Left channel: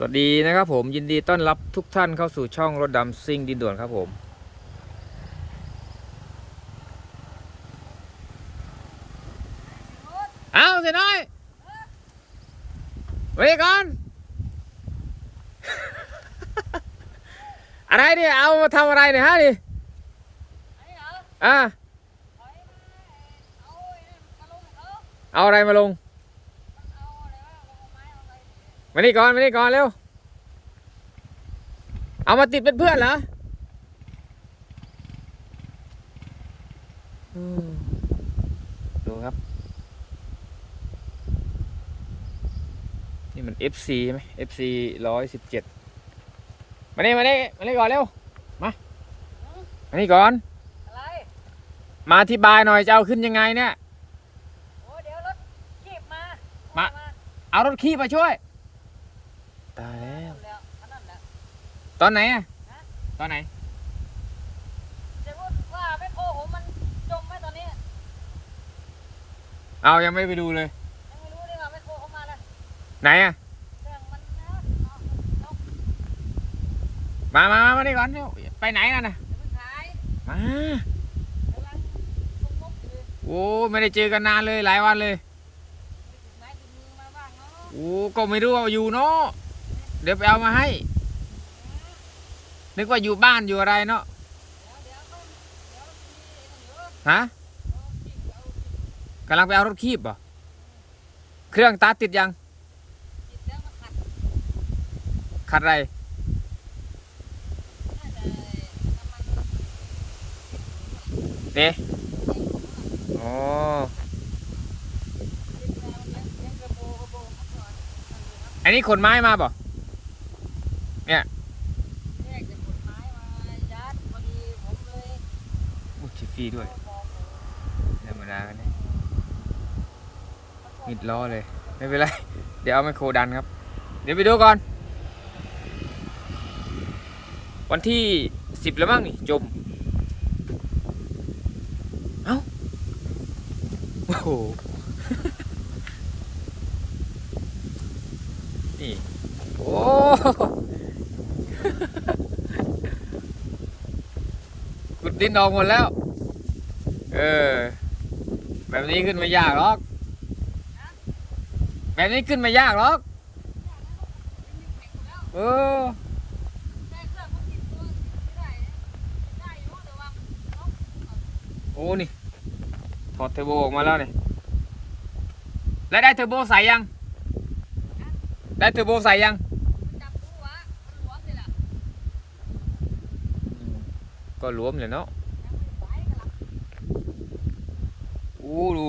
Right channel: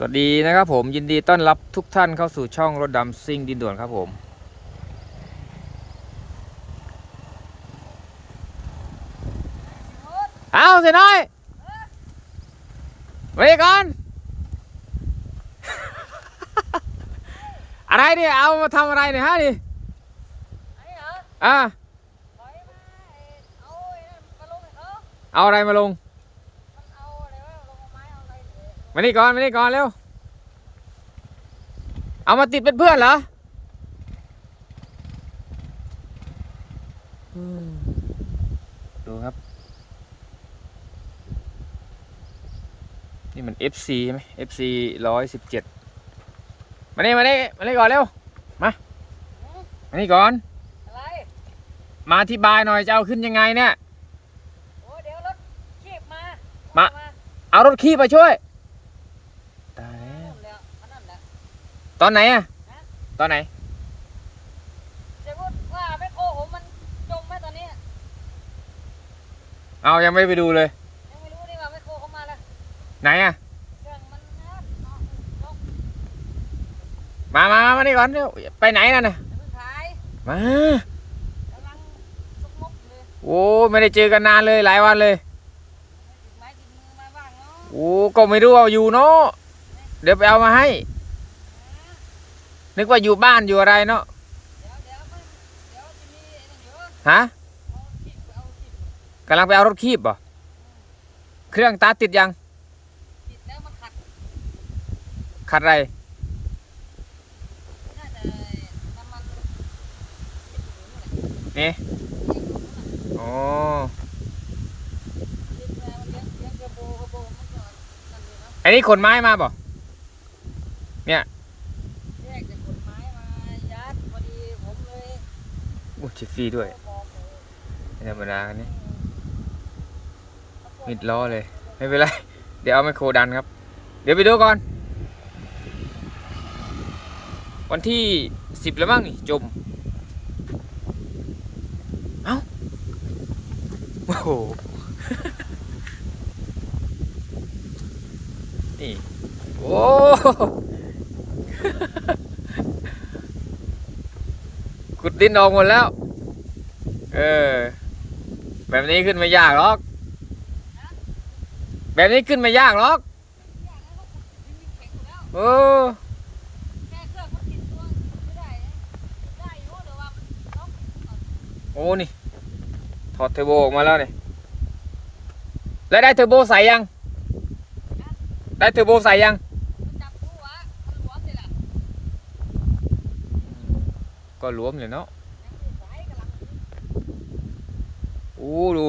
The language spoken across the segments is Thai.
สวัสดีนะครับผมยินดีต้อนรับทุกท่านเข้าสู่ช่องรถดำซิ่งดินด่วนครับผม เอาเสียน้อยไว้ก่อนอะไรเนี่ยเอามาทำอะไรเนี่ยฮะดิอะเอาอะไรมาลง มานี่ก่อนมานี่ก่อนเร็ว เอามาติดเป็นเพื่อนเหรออืมดูครับ นี่มัน FC ใช่ไหม FC ร้อยสิบเจ็ดมานี่มานี่มานี่ก่อนเร็ว มามานี่ก่อน มาอธิบายหน่อยจะเอาขึ้นยังไงเนี่ยเอารถขี้มาช่วย ตายแล้ว ตอนไหนอะตอนไหนเอายังไม่ได้ไปดูเลยไหนอะมามามามานี่ก่อนเร็วไปไหนน่ะนะมาโอ้ไม่ได้เจอกันนานเลยหลายวันเลยโอ้ก็ไม่รู้ว่าอยู่เนาะ เดี๋ยวไปเอามาให้ นึกว่าอยู่บ้านอยู่อะไรเนาะฮะกำลังไปเอารถคีบบ่เครื่องตาร์ทติดยังขัดอะไรนี่โอ้อันนี้ขนไม้มาบ่โอ้ชิ ฟฟี่ด้วยไม่ธรรมดากันนี่มิดล้อเลย ไม่เป็นไร เดี๋ยวเอาไมโครดันครับ เดี๋ยวไปดูก่อน วันที่สิบแล้วมั้งนี่จม เอ้า โอ้โห นี่ โอ้ขุดดินออกหมดแล้ว เออ แบบนี้ขึ้นไม่ยากหรอก แบบนี้ขึ้นไม่ยากหรอกโอ้โอ้นี่ ถอดเทอร์โบออกมาแล้วนี่ แล้วได้เทอร์โบใส่ยัง ได้เทอร์โบใส่ยังก็รวมเลยเนาะ โอ้ดู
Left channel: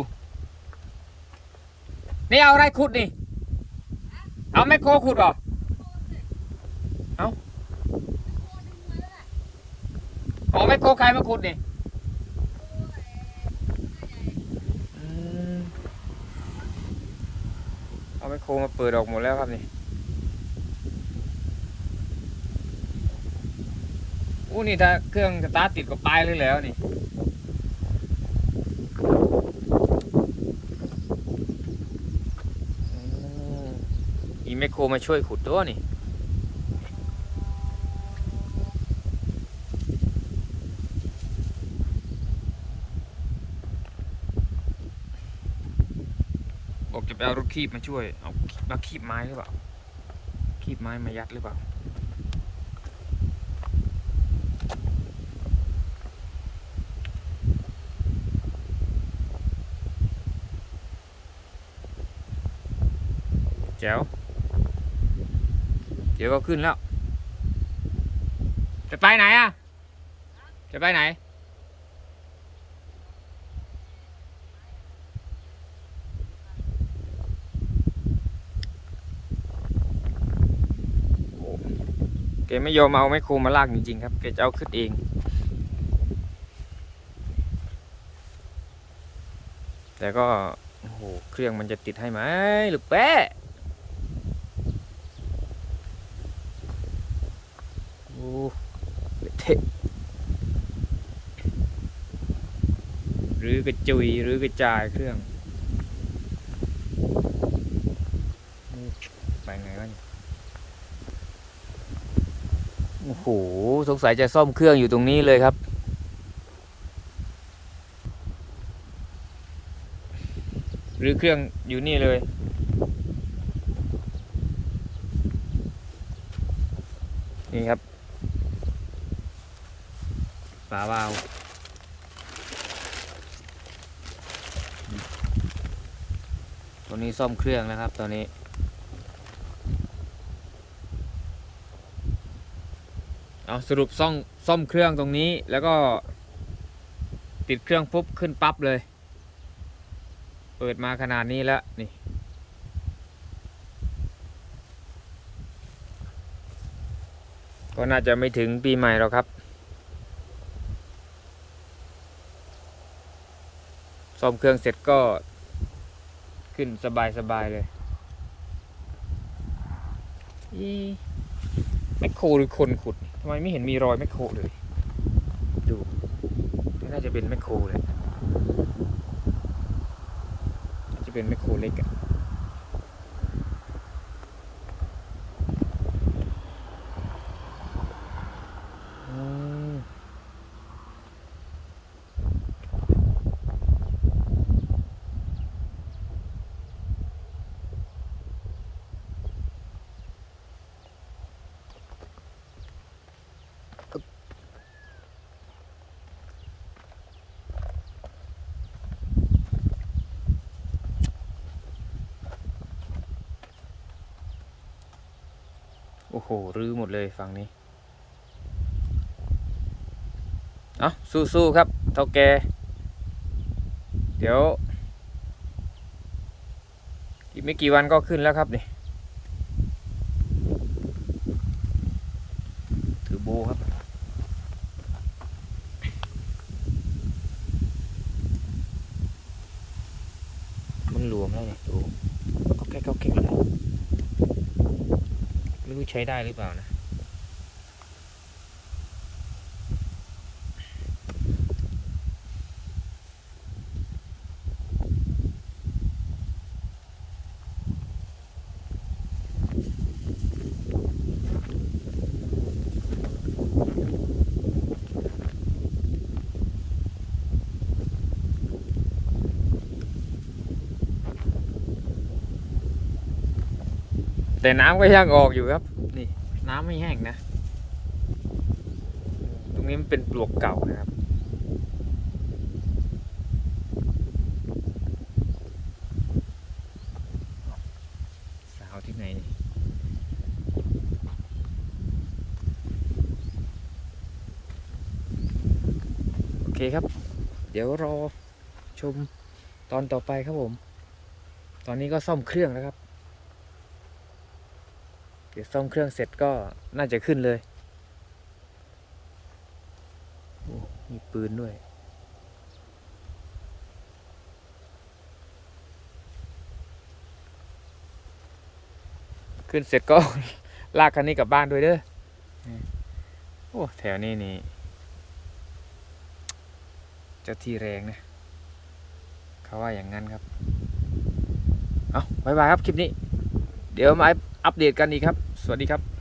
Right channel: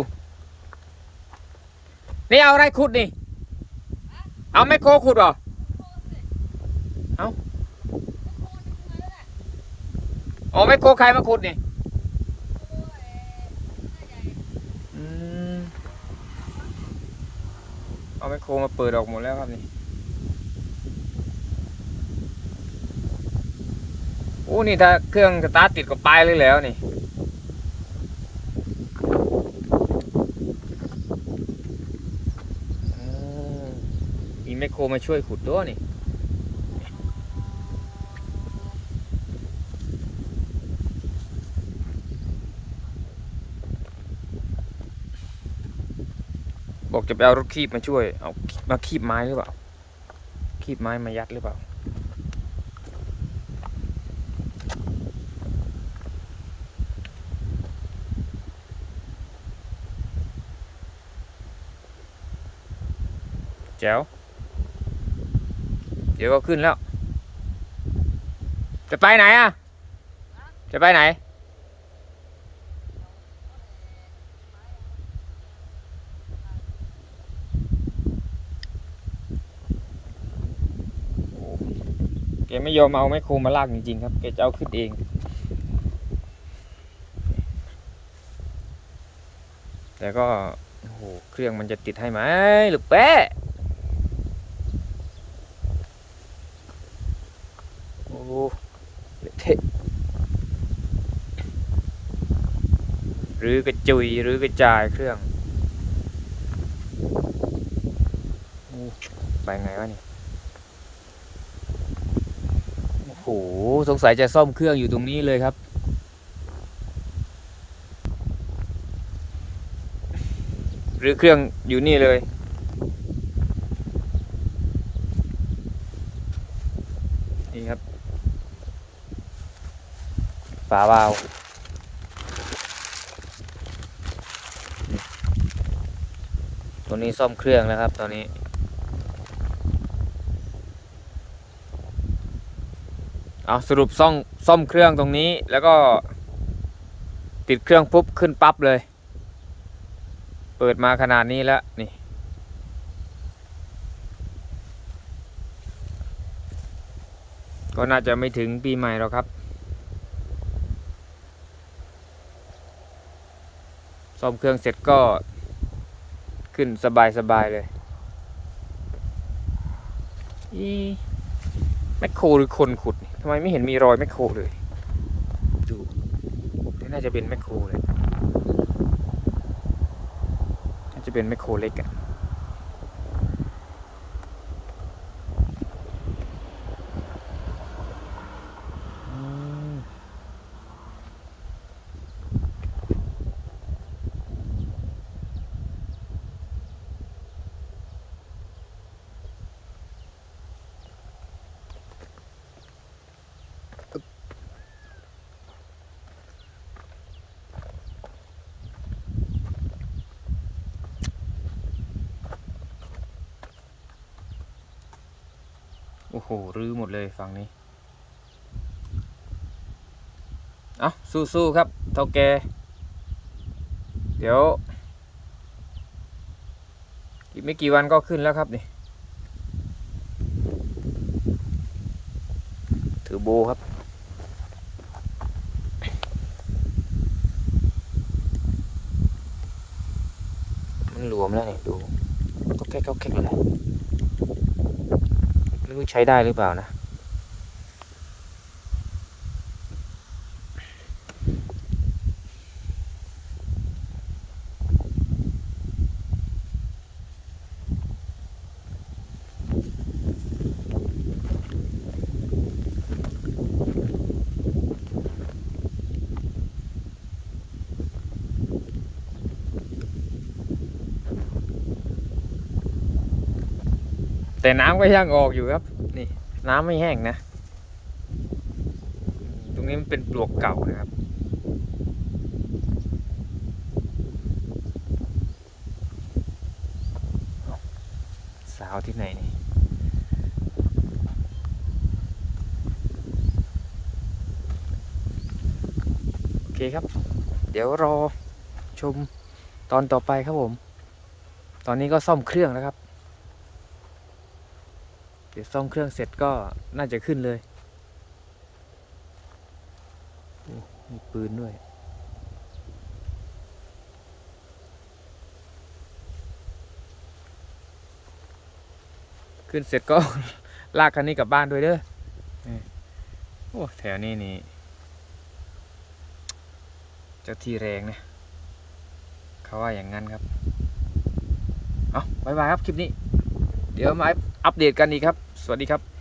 นี่เอาอะไรขุดนี่ เอาไมโครขุดเหรอ เอาเอาไมโครใครมาขุดนี่เอาไมโครมาเปิดออกหมดแล้วครับนี่ โอ้นี่ถ้าเครื่องสตาร์ทติดก็ไปเลยแล้วนี่ อืมมี แมคโครมาช่วยขุดตัวนี่บอกจะไปเอารถคีบมาช่วย เอามาคีบไม้หรือเปล่า คีบไม้มายัดหรือเปล่า แจ๋ว เดี๋ยวก็ขึ้นแล้ว จะไปไหนอะ จะไปไหน แกไม่ยอมเอาไมโครมาลากจริงๆครับ แกจะเอาขึ้นเอง แต่ก็โอ้โหเครื่องมันจะติดให้ไหมหรือแปะ โอ้ เทะหรือกระจุยหรือกระจายเครื่องไปไงวะเนี่ยโอ้โหสงสัยจะซ่อมเครื่องอยู่ตรงนี้เลยครับ หรือเครื่องอยู่นี่เลยนี่ครับ ฝาวาล์วนี่ตัวนี้ซ่อมเครื่องนะครับตอนนี้ เอาสรุปซ่อมซ่อมเครื่องตรงนี้แล้วก็ ติดเครื่องปุ๊บขึ้นปั๊บเลย เปิดมาขนาดนี้แล้วนี่ก็น่าจะไม่ถึงปีใหม่หรอกครับ ซ่อมเครื่องเสร็จก็ขึ้นสบายสบายๆเลยอีแมคโครหรือคนขุดทำไมไม่เห็นมีรอยแมคโครเลย ดูนี่น่าจะเป็นแมคโครเลยน่าจะเป็นแมคโครเล็กอะ อ้โห รื้อหมดเลยฝั่งนี้ เอาสู้ๆครับ เท่าแก เดี๋ยว อีกไม่กี่วันก็ขึ้นแล้วครับนี่ ถือโบครับ มันหลวมแล้วเนี่ยดูก็แค่ก็แค่เลย ไม่รู้ใช้ได้หรือเปล่านะ แต่น้ำก็ยังออกอยู่ครับ นี่ น้ำไม่แห้งนะ ตรงนี้มันเป็นปลวกเก่านะครับ สาวที่ไหนนี่โอเคครับ เดี๋ยวรอชมตอนต่อไปครับผม ตอนนี้ก็ซ่อมเครื่องแล้วครับ เดี๋ยวซ่อมเครื่องเสร็จก็น่าจะขึ้นเลยโอ้มีปืนด้วย ขึ้นเสร็จก็ ลากคันนี้กลับบ้านด้วยเด้อโอ้แถวนี้นี่ เจ้าที่แรงนะเขาว่าอย่างนั้นครับ เอาบายบายครับ คลิปนี้ เดี๋ยวมาอัปเดตกันอีกครับ สวัสดีครับ